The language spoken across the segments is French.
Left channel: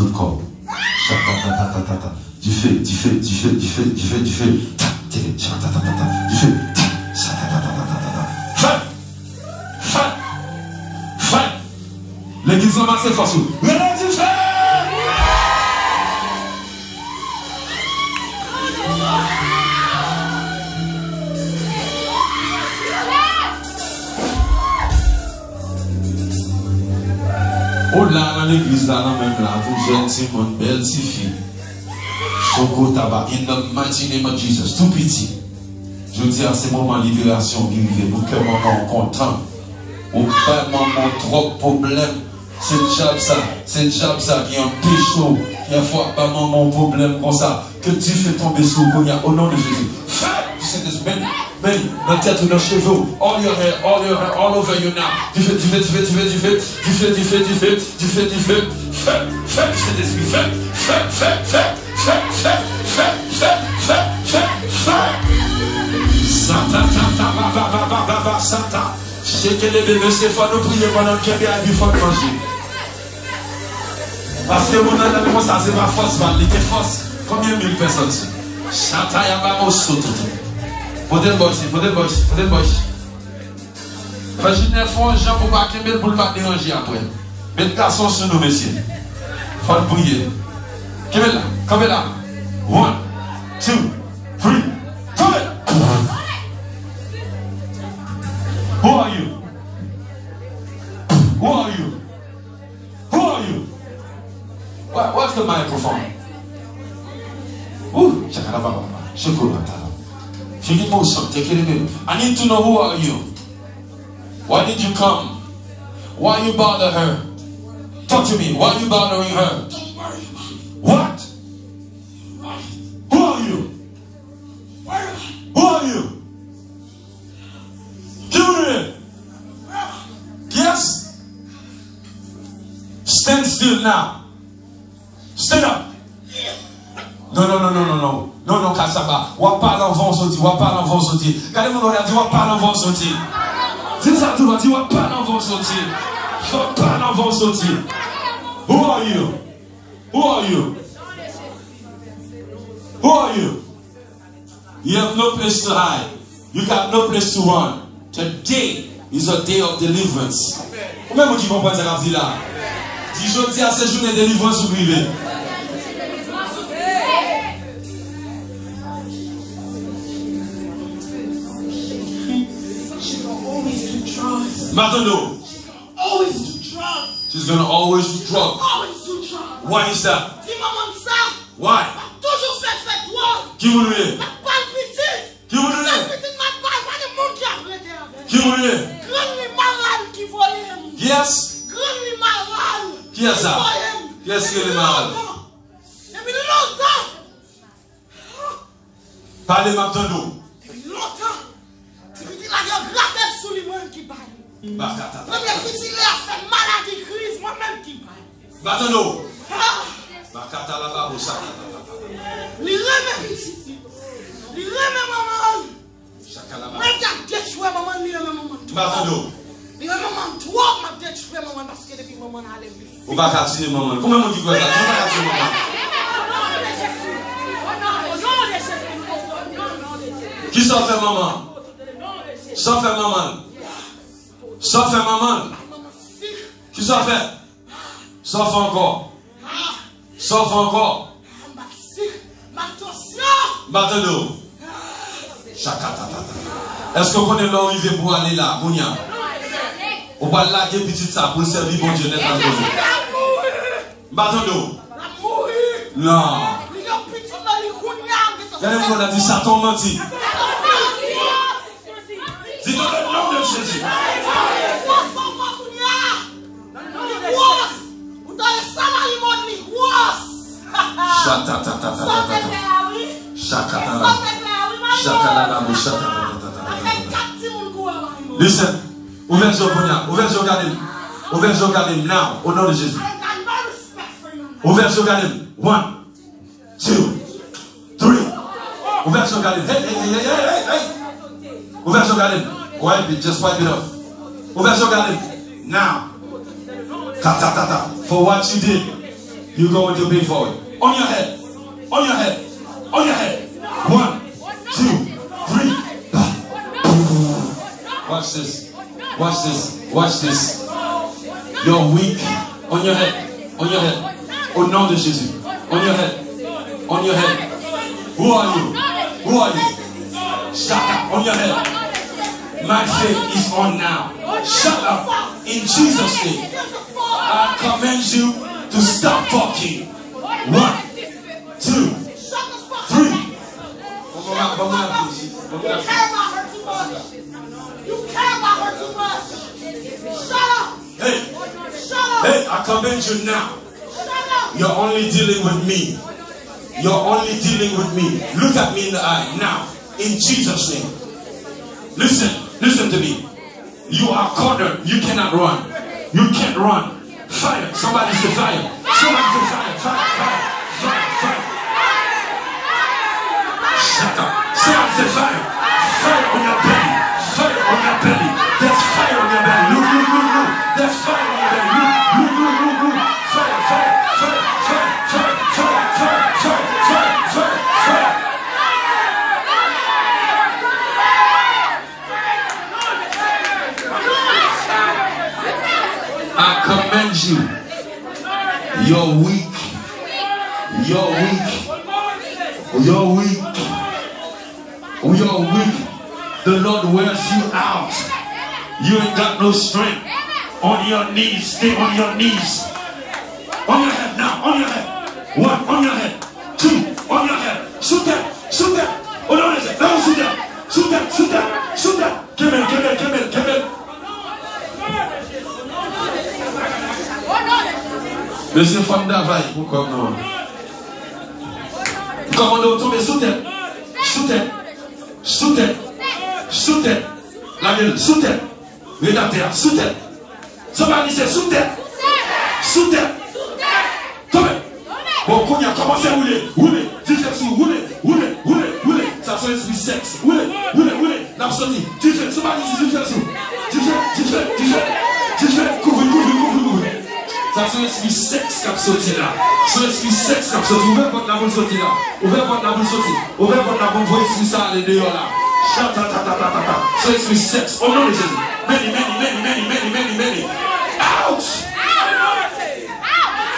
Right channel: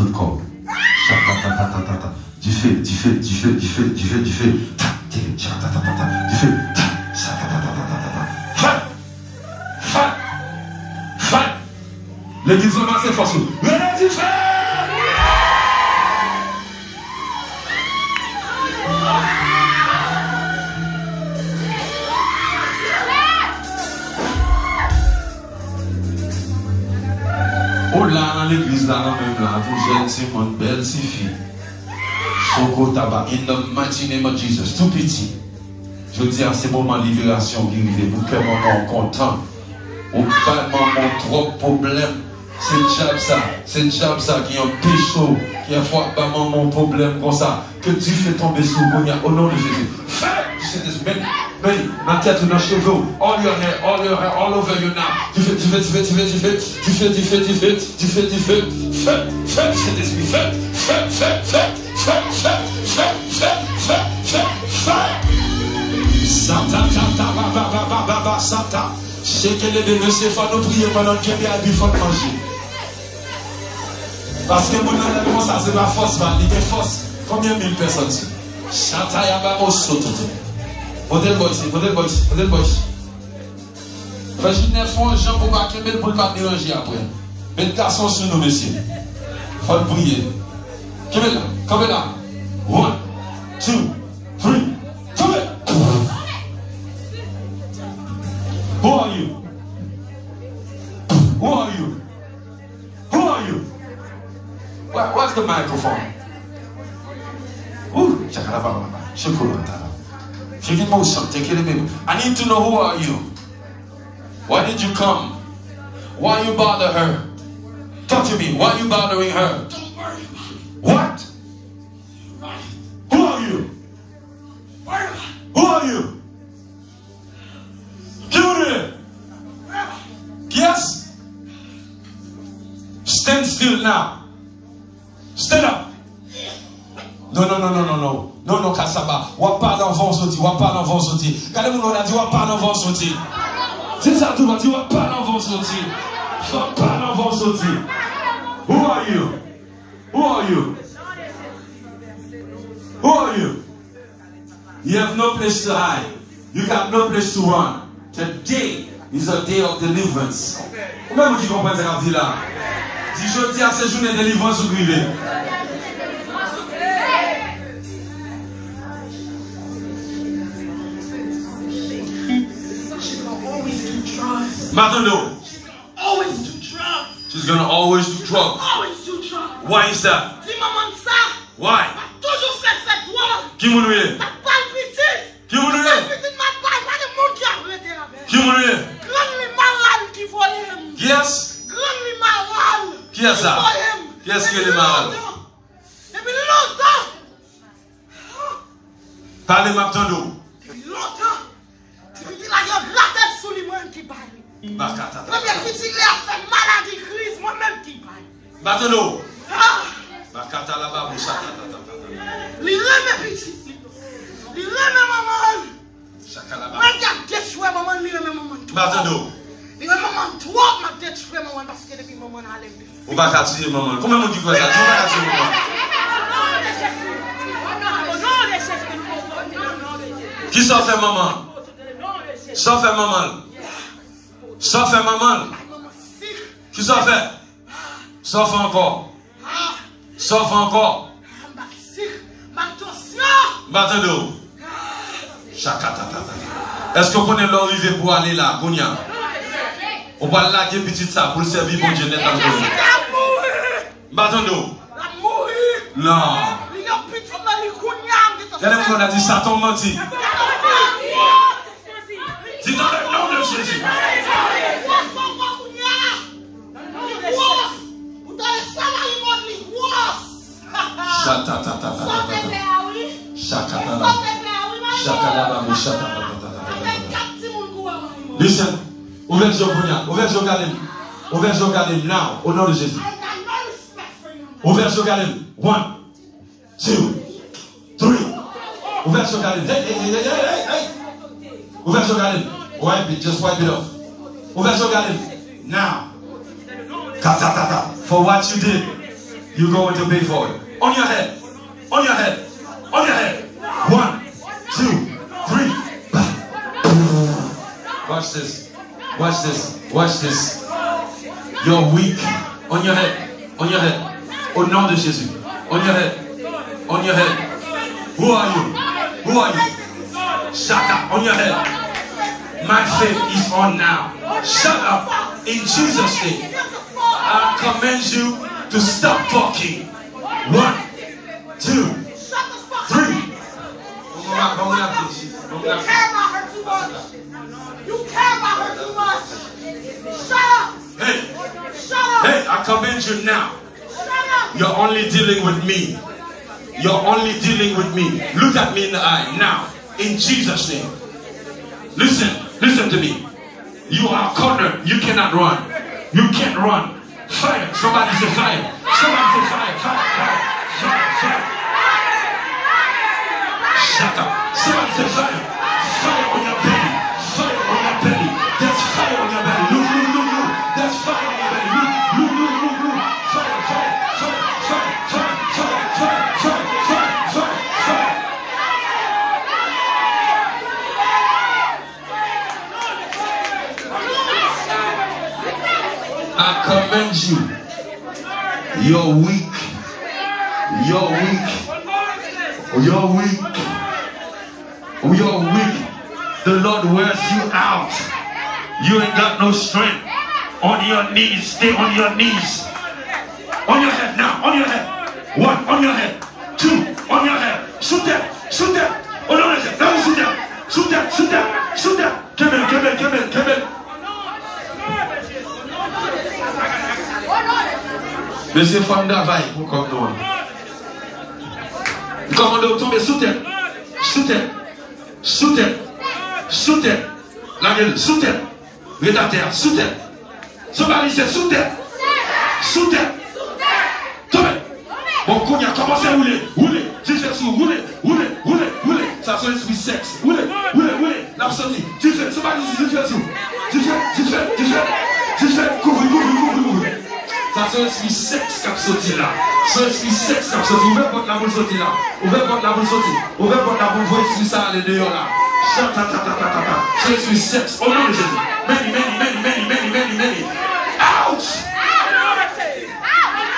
tout corps. Du feu, du feu, du feu, du feu, du feu, du feu. Du feu. Feu. L'église là, c'est force. Venez du feu. Oh là, dans l'église là, même là, vous jeunes, c'est mon belle fille. Son gros tabac, in the mighty name of Jesus, tout petit. Je dis à ces moments de libération qui vivent, pour que maman content. Ou pas maman trop problème. C'est le job ça qui est un pécho, qui a fait pas maman problème comme ça. Que tu fais tomber sous le au nom de Jésus. Fais, c'est this belly, dans la tête, dans les cheveux, all your hair, all over you now. Du feu. Fais, c'est this, fais. Satan. C'est que les bébés, c'est faut nous prier pendant qu'il y a du faut manger. Parce que mon ami, ça, c'est pas force, il y a force. Combien de mille personnes? Satan, il y a pas de saut. Peut-être boy. Parce qu'il y a un gens pour pas qu'il pour pas déranger après. Mais le garçon sur nous, messieurs. Faut prier. Come là. 1, 2, 3, 4. Who are you? What's the microphone? Ooh, I need to know who are you? Why did you come? Why you bother her? Talk to me. Why you bothering her? What? Who are you? Who are you? Yes? Stand still now. Stand up. Non, Kassaba. Wapa l'enfant sorti. Regardez-moi, on a dit wapa l'enfant sorti. C'est ça, tu vas dire wapa l'enfant sorti. Who are you? You have no place to hide. You got no place to run. Today is a day of deliverance. Comment vous comprenez ce qu'on dit là? Si je dis à ces journées de délivrance, vous vivez. Matando. She's gonna always do drugs. Why is that? Why? Qui mourit? Qui Yes. Qui est ça? Qui est-ce qui est malade? Parlez Matando. Matando. Bakata la babou li reme petit. Li reme maman. Chakala ba. Regarde détruire maman li reme maman. Matando. Li reme maman trop m'a détruire maman parce que depuis maman a levé. Ou ba ka tirer maman. Comment on dit quoi ça? Tu vas ka tirer maman. Qui s'en fait maman? S'en fait maman. S'en fait maman. Qui s'en fait? S'en fait encore. Sauf encore. Matando. Est-ce qu'on connaît là où il veut pour aller là, Gounia? On va laguer petit ça pour le servir bon Dieu net à Gounia. Matando. Non. Regardez-moi, on a dit Satan menti. Dis dans le nom de Jésus. Listen, ouvrez le regardez now, au nom de Jésus. Ouvrez le regardez. 1, 2, 3. Ouvrez le regardez. Hey. Ouvrez le regardez. Wipe it, just wipe it off. Ouvrez le regardez. Now. For what you did. You're going to pay for it. On your head. On your head. On your head. 1, 2, 3. Watch this. Watch this. Watch this. You're weak. On your head. On your head. Au nom de Jésus. On your head. On your head. Who are you? Who are you? Shut up. On your head. My faith is on now. Shut up. In Jesus' name. I command you to stop talking. 1, 2, 3. You care about her too much. You care about her too much. Shut up. Hey. Shut up. Hey, I command you now. Shut up. You're only dealing with me. You're only dealing with me. Look at me in the eye now. In Jesus' name. Listen. Listen to me. You are cornered. You cannot run. You can't run. Fire. Somebody say fire. Somebody say fire. Fire. Fire. Fire. Fire. Shut up. Somebody say fire. Fire on your belly. Fire on your belly. There's fire on your belly. Look, look, look, look. There's fire on your belly. Look, look, look, look, look. Fire, fire, fire, fire, fire, fire, fire, fire, fire, fire, fire. I command you. You're weak. You're weak. You're weak. You're weak. The Lord wears you out. You ain't got no strength. On your knees. Stay on your knees. On your head now. On your head. 1. On your head. 2. On your head. Shoot that. Shoot that. Oh no, no, shoot that. Shoot that. Shoot that. Shoot that. Come in. Come in. Come in. Come in. Monsieur Fonda va pour comme nous. Comment on tombe sous tête. Sous tête. Sous tête. Sous tête. La gueule. Sous tête. Rédacteur. Sous tête. Somebody say sous tête. Sous tête. Tombez. Bon, qu'on y a commencé à rouler. Rouler. Tu fais sous. Rouler. Rouler. Rouler. Rouler. Ça soit l'esprit sexe. Rouler. Rouler. Rouler. L'absolu. Tu fais. Somebody say tu fais sous. Tu fais. Tu fais. Tu fais. Tu fais. Couvre. Couvre. Couvre. Couvre. Ça soit l'esprit sexe qui a sorti là. C'est l'esprit sexe qui a sorti. Ouvrez votre la boule sorti là. Ouvrez votre la boule sorti. Ouvrez votre la boule. Vous l'esprit ça les dehors là. C'est l'esprit sexe. Au nom de Jésus. Many, many, many, many, many, many, many. Out!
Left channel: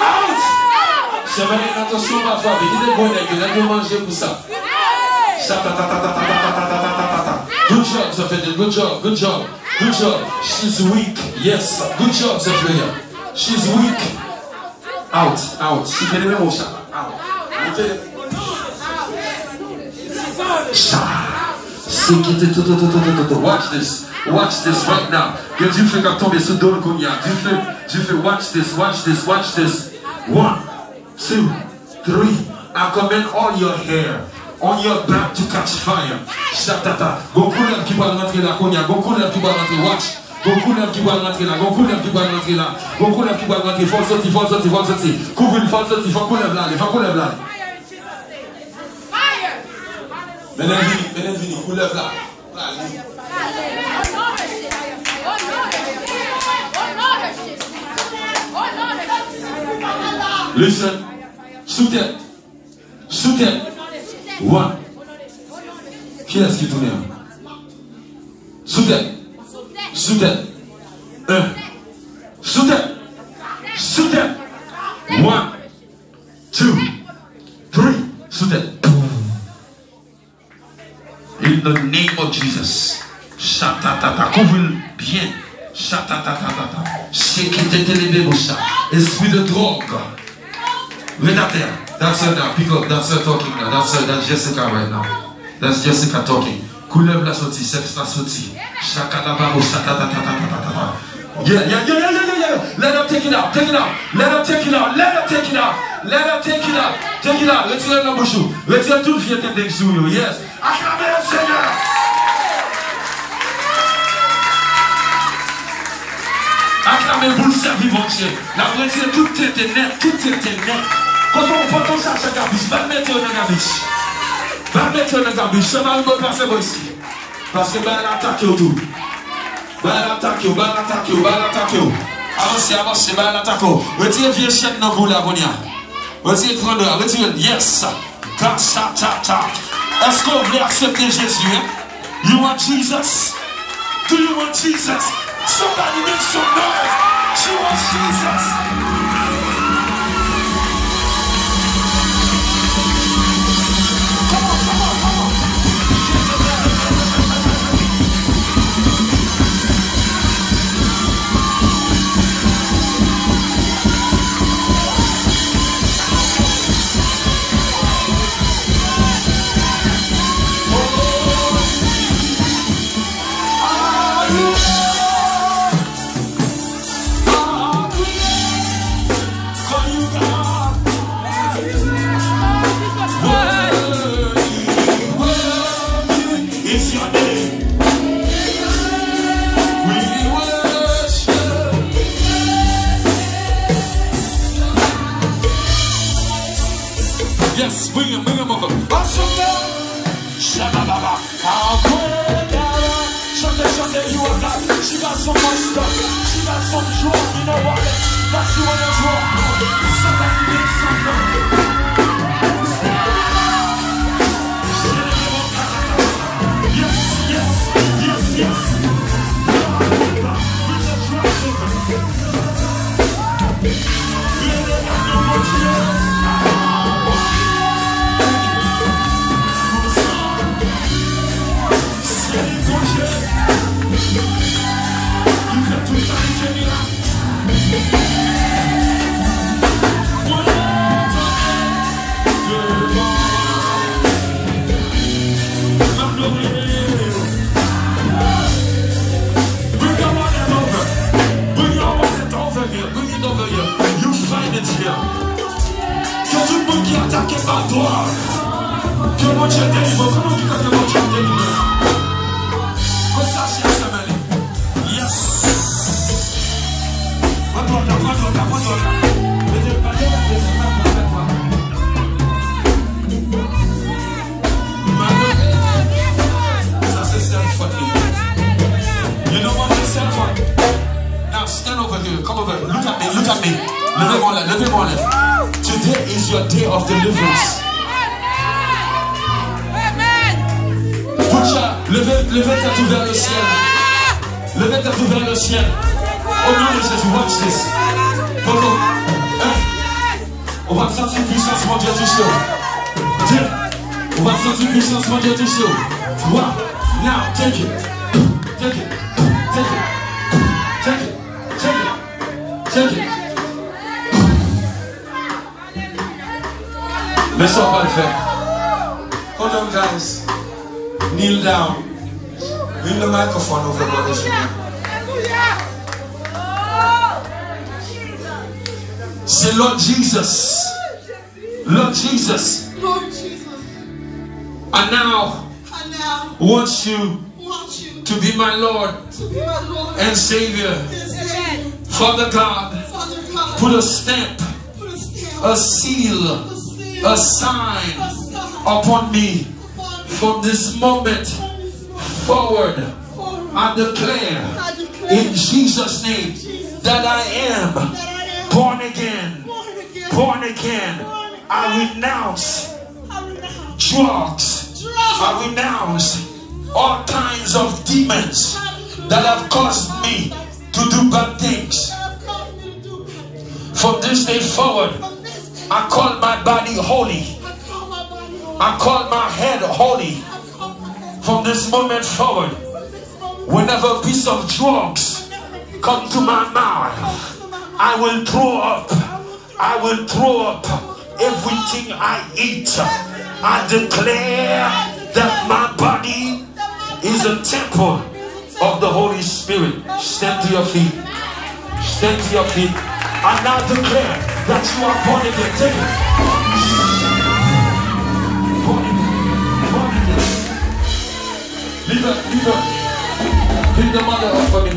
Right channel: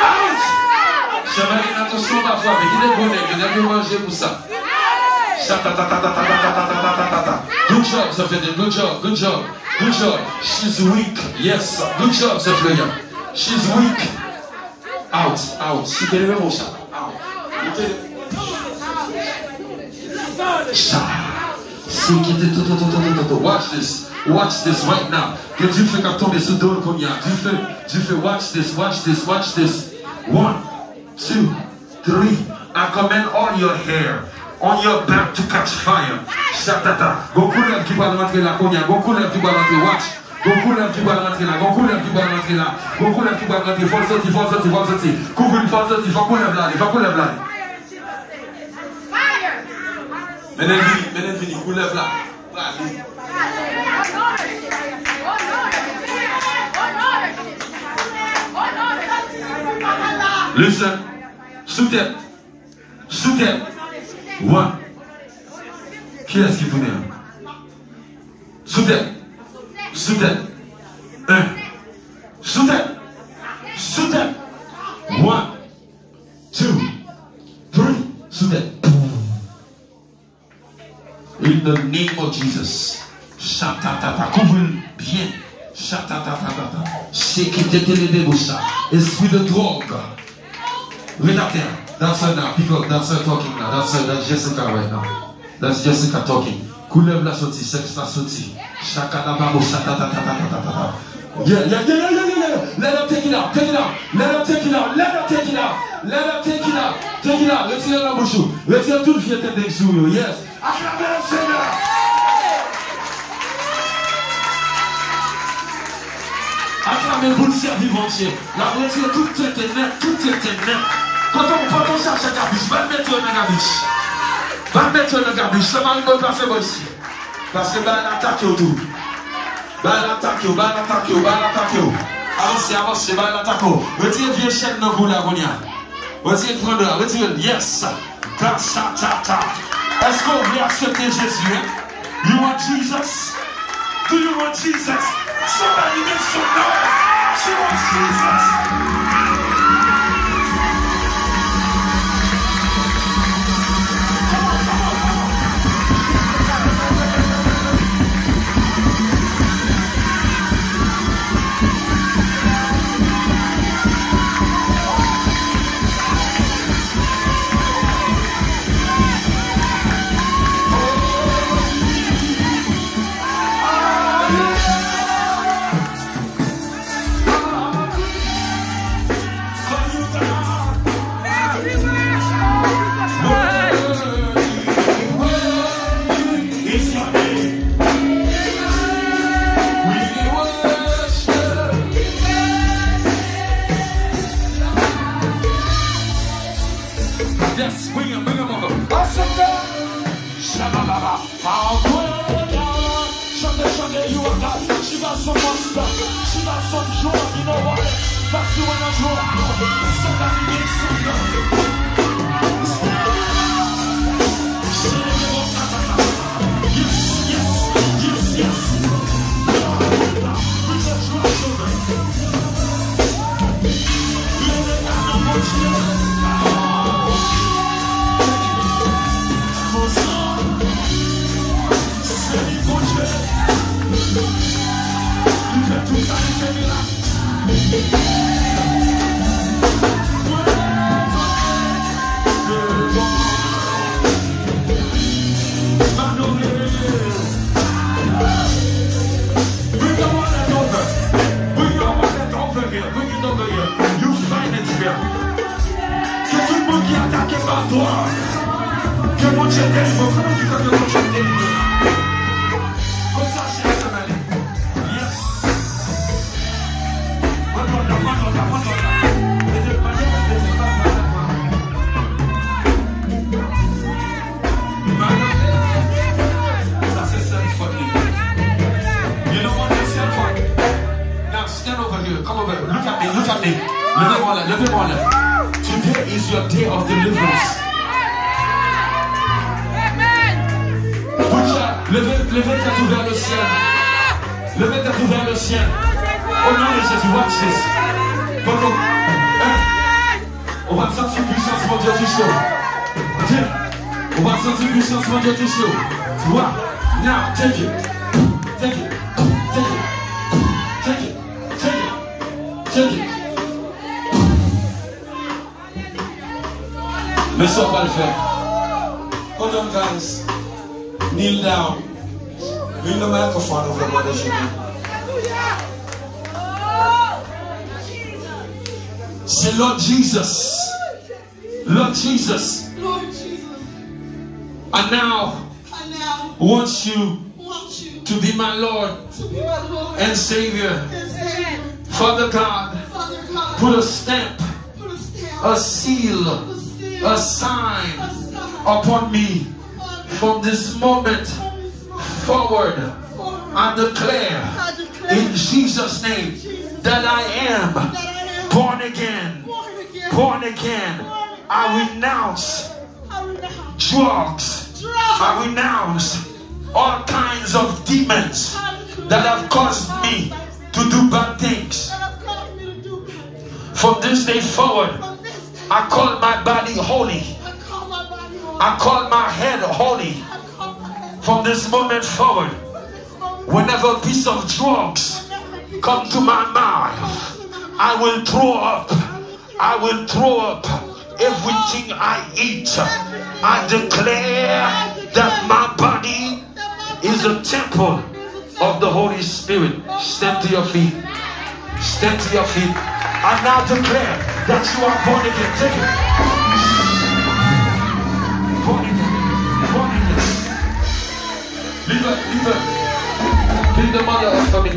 Out! C'est vrai, attention parfois, mais il est bon, il a bien mangé pour ça. Good job, ça fait good job, good job, good job. She's weak, yes. Good job, ça fait bien. She's weak. Out, out. Si tu es le même au chat. Out. Watch this. Watch this right now. Que Dieu fait qu'à tomber sous le cognac. Dieu fait watch this, watch this, watch this. 1, 2, 3. I command all your hair on your back to catch fire. Shatata. Beaucoup lèvres qui vont rentrer là, cognac. Beaucoup lèvres qui vont rentrer, watch. Beaucoup lèvres qui vont rentrer là. Beaucoup lèvres qui vont rentrer là. Beaucoup lèvres qui vont rentrer. Faut sortir, faut sortir, faut sortir. Couvre une faut sortir, faut qu'on lève là, faut qu'on lève là. Maintenant, vini, vous lève là. Listen. Sous tête. Sous tête. 1. Qui est-ce qui tourne? Sous tête. Sous tête. 1. Sous tête. Sous tête. 1, 2, 3. Sous tête. In the name of Jesus. Shatatata. Couvre bien. Shatatatata. Shekitetelebebusha. Esprit de drogue. Rédacteur. That's her now. Pick up. That's her talking now. That's Jessica right now. That's Jessica talking. Couleur la sortie. Sexe la sortie. Shakadabaro. Shatatatata. Yeah. Let her take it out. Take it out. Let her take it out. Let her take it out. Let her take it out. Take it out. Retirez la bouche. Retirez toute fierté d'exou. Yes. Acclamez le Seigneur. Acclamez pour le servir, mon Dieu. La retirez toute tête net. Toute tête net. Quand on cherche un gabiche, va mettre un gabiche. Va mettre un gabiche. Ce mari me passe moi ici. Parce que va l'attaquer autour. Va l'attaquer. Avancez, va l'attaquer. Retirez vieux chaîne dans vous là, Bonia. Retirez 32, retirez. Yes. Est-ce que vous voulez accepter Jésus? You want Jesus? Do you want Jesus? Somebody make some noise. She wants Jesus. Yes, bring him over. Awesome God. Shabba-ba-ba. How great God. Chante, you are God. She got so much stuff. She got some joy. You know what? That's you on the joy. Somebody make some noise. Yes. Put your trust over it. Let it have no more chance. Que tout le monde qui est attaqué par toi, que mon Dieu délivre. Comment tu crois que mon Dieu délivre? Comme ça, c'est semaine. Yes. Ça, c'est self-fun. You know what is self-fun? Now stand over here. Come over here. Look at me. Levez-moi là. Today is your day of deliverance. Levez tête vers le ciel. Levez tête vers le ciel. Au nom de Jésus, watch this. On va sentir puissance, mon Dieu, du chaud. On va sentir puissance, mon Dieu, du chaud. Toi, now, take it. Take it. Take it. Take it. Take it. Take it. Laisse-moi pas le faire. Hold on, guys. Kneel down. Bring the microphone over, Brother Jimmy. Say, Lord Jesus. Lord Jesus. Lord Jesus. I now want you to be my Lord and Savior. Father God, put a stamp, a seal, a sign upon me. From this moment forward, I declare in Jesus' name that I am born again. Born again. I renounce drugs. I renounce all kinds of demons that have caused me to do bad things. From this day forward, I call my body holy. I call my head holy. From this moment forward, whenever a piece of drugs come to my mouth, I will throw up. I will throw up everything I eat. I declare that my body is a temple of the Holy Spirit. Stand to your feet. Stand to your feet. I now declare that you are born again. Take it. Born again. Born again. Leave her. Leave her. Pick the mother up for me.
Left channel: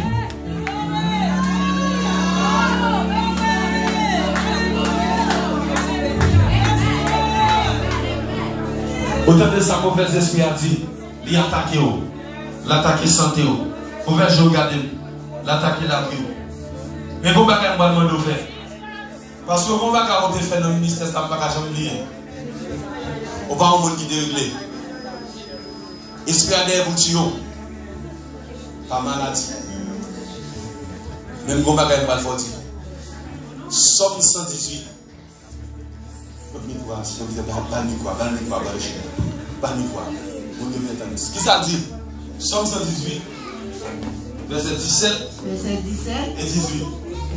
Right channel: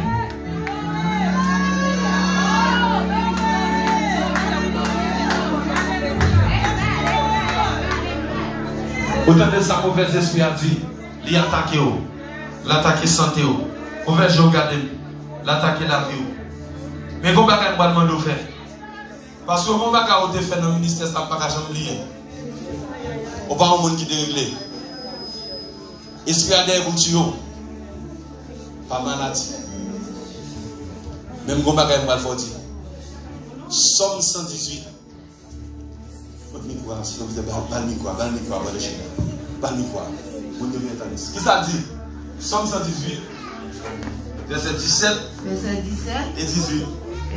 Autant de sa mauvaise esprit a dit, il attaque, l'attaquer santé, ouvert je regarde, l'attaquer la vie. Mais vous ne pouvez pas demander de faire. Parce que mon bagage où tu fait dans le ministère, ça ne va pas jamais oublier. On va un monde qui est réglé. Esprit à des boutillons. Pas maladie. Même gros bagage mal fort. Somme 118. Qui ça dit? Somme 118. Verset 17. Verset 17. Et 18.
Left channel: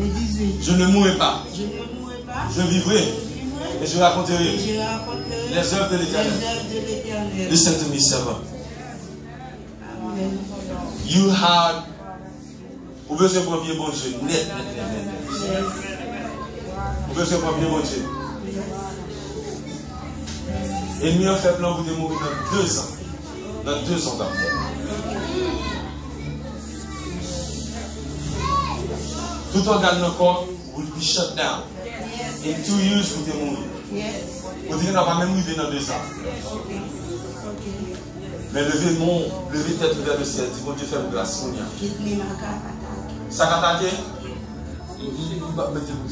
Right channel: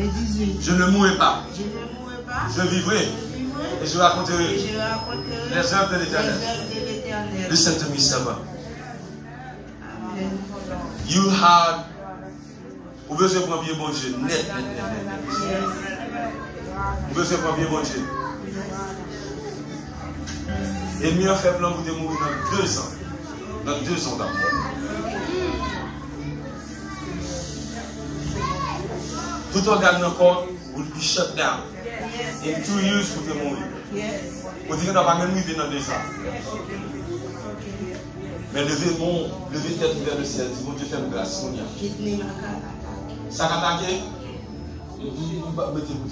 Et 18. Je ne mourrai pas. Je ne mourrai pas. Je vivrai. Et je raconterai Les œuvres de l'Éternel. Listen to me, servant. Amen. You had. Vous besoin de bien bon Dieu. Net. Vous besoin de bien bon Dieu. Et mieux fait plan pour te mourir dans 2 ans. Dans 2 ans d'amour. Tout organe dans le corps will be shut down. In 2 years, vous te mourir. Vous dites que nous n'avons pas même vivre dans 2 ans. Mais levez tête vers le ciel. Dis, bon Dieu, fais-moi grâce. Ça va attaquer?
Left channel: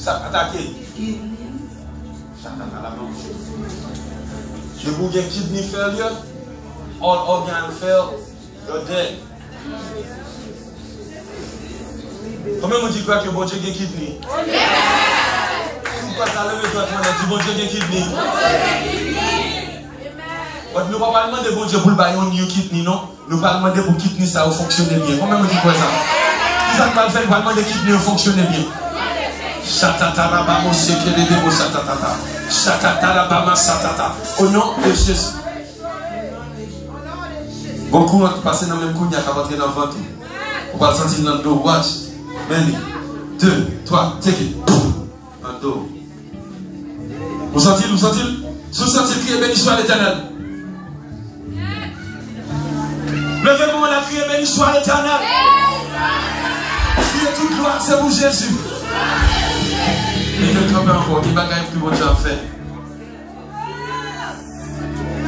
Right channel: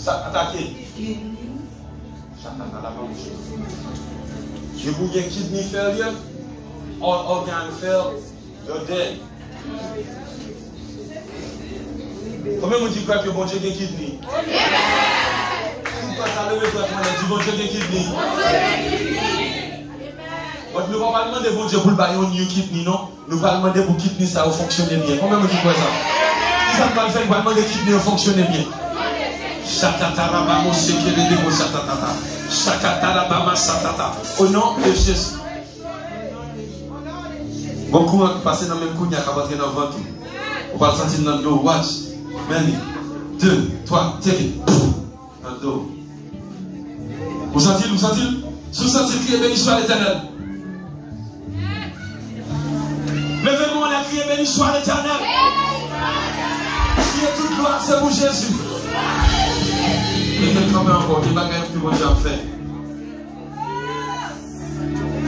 Ça va attaquer? Je vous dis kidney failure, all organ fail, you're dead. Combien vous dites que bon Dieu a kidney? Si vous passez à lever votre main, dis bon Dieu a kidney. Nous ne pouvons pas demander bon Dieu pour le bailler un new kidney, non? Nous ne pouvons pas demander pour kidney ça fonctionner bien. Combien vous dites quoi ça? Si ça ne va pas faire, nous allons demander kidney fonctionner bien. Shatatarabamo sekelebo shatatata. Shakatarabama satata. Au nom de Jésus. Bon courant qui passe dans le même coup, il y a qu'à rentrer dans le ventre. On va le sentir dans le dos. Watch. Many. 2, 3, take it. Dans le dos. Vous sentez-le? Vous sentez-le? Vous sentez-le crier béni soit l'Éternel? Levez-moi la crier béni soit l'Éternel. Criez toute gloire, c'est pour Jésus. Mettez le trempé encore, qui bagaille que bon Dieu a fait.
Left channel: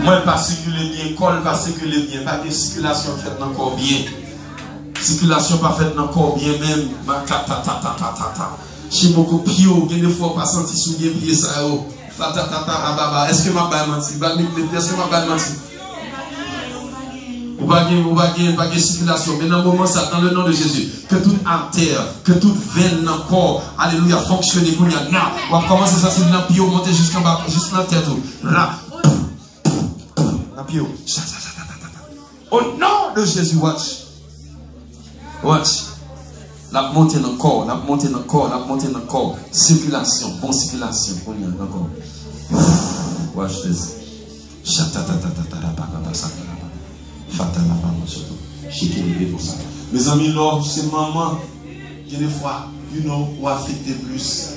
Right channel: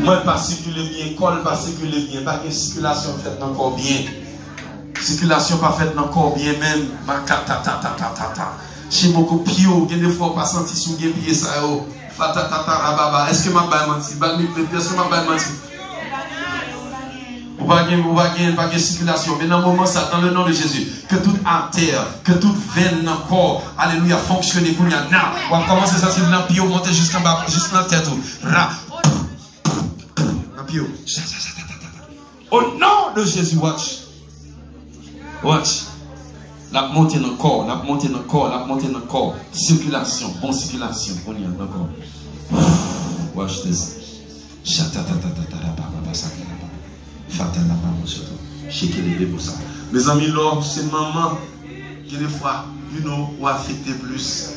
Moi, pas circuler bien, col pas circuler bien, pas de circulation faite encore bien. Circulation pas faite encore bien même. Chez beaucoup pio, il y a des fois pas senti sous les pieds ça. Est-ce que ma baille menti? Est-ce que ma baille menti? Ou pas de circulation. Mais dans le moment, ça, dans le nom de Jésus, que toute artère, que toute veine dans le corps, alléluia, fonctionne pour nous. On va commencer à sortir dans le pio, monter jusqu'en bas, jusqu'à la tête. Dans le pio. Au nom de Jésus, watch. Watch. La montée dans le corps, la montée dans le corps, la montée dans le corps. Circulation, bonne circulation. On y a encore. Watch this. Mes amis, Lord, c'est maman qui des fois, ou affecté plus.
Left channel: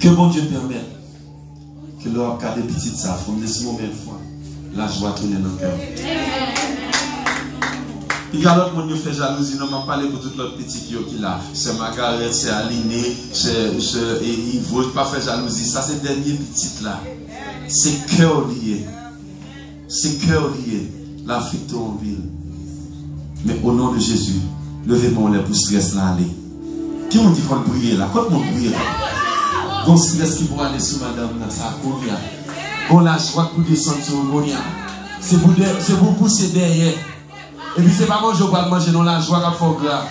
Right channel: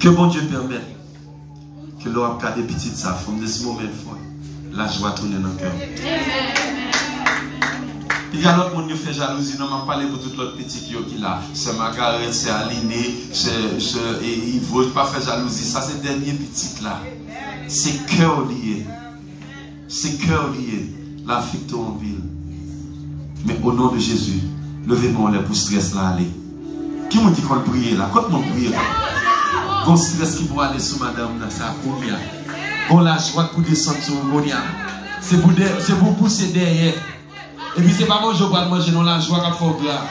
Que bon Dieu permette que l'on a des petites ça, comme des moments de fois, la joie tourne dans le cœur. Il y a l'autre monde qui fait jalousie, non, je parle pour tout l'autre petit qui est là. C'est Margaret, c'est Aline, il ne veut pas faire jalousie. Ça, c'est le dernier petit là. C'est cœur lié. C'est cœur lié. L'affecte en ville. Mais au nom de Jésus, levez-moi les pour stress là aller. Qui m'a dit qu'on prie là? Quand on prie là? Qu'on stress qui pourra aller sur madame là, ça a combien? Qu'on la joie pour descendre sur Monia. C'est pour pousser derrière. Et puis c'est pas manger ou pas manger, non, la joie qui fait gras.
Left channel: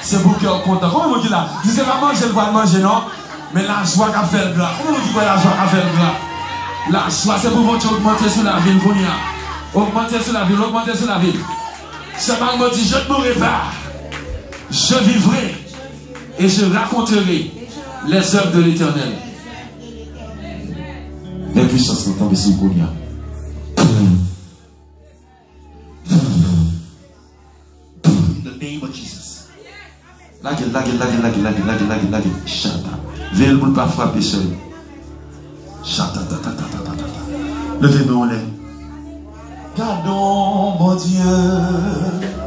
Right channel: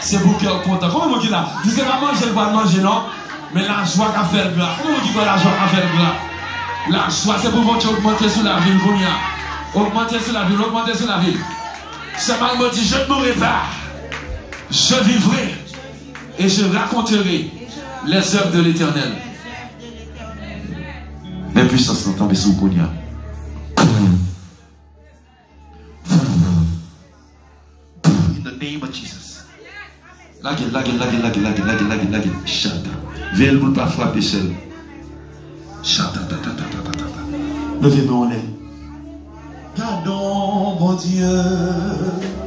C'est pour cœur content. Comment on dit là? C'est pas manger ou pas manger, non? Mais la joie qui fait gras. Comment on dit quoi la joie qui fait gras? La joie, c'est pour vous augmenter sur la ville, augmenter sur la ville, augmenter sur la ville. C'est mal me dit, je ne mourrai pas. Je vivrai et je raconterai les œuvres de l'Éternel. Les puissances sont tombées sous Konya. The name of Jesus. Laguez. Chata. Veille pour ne pas frapper seul. Chata. Levez-nous en l'air. Gardons, mon Dieu.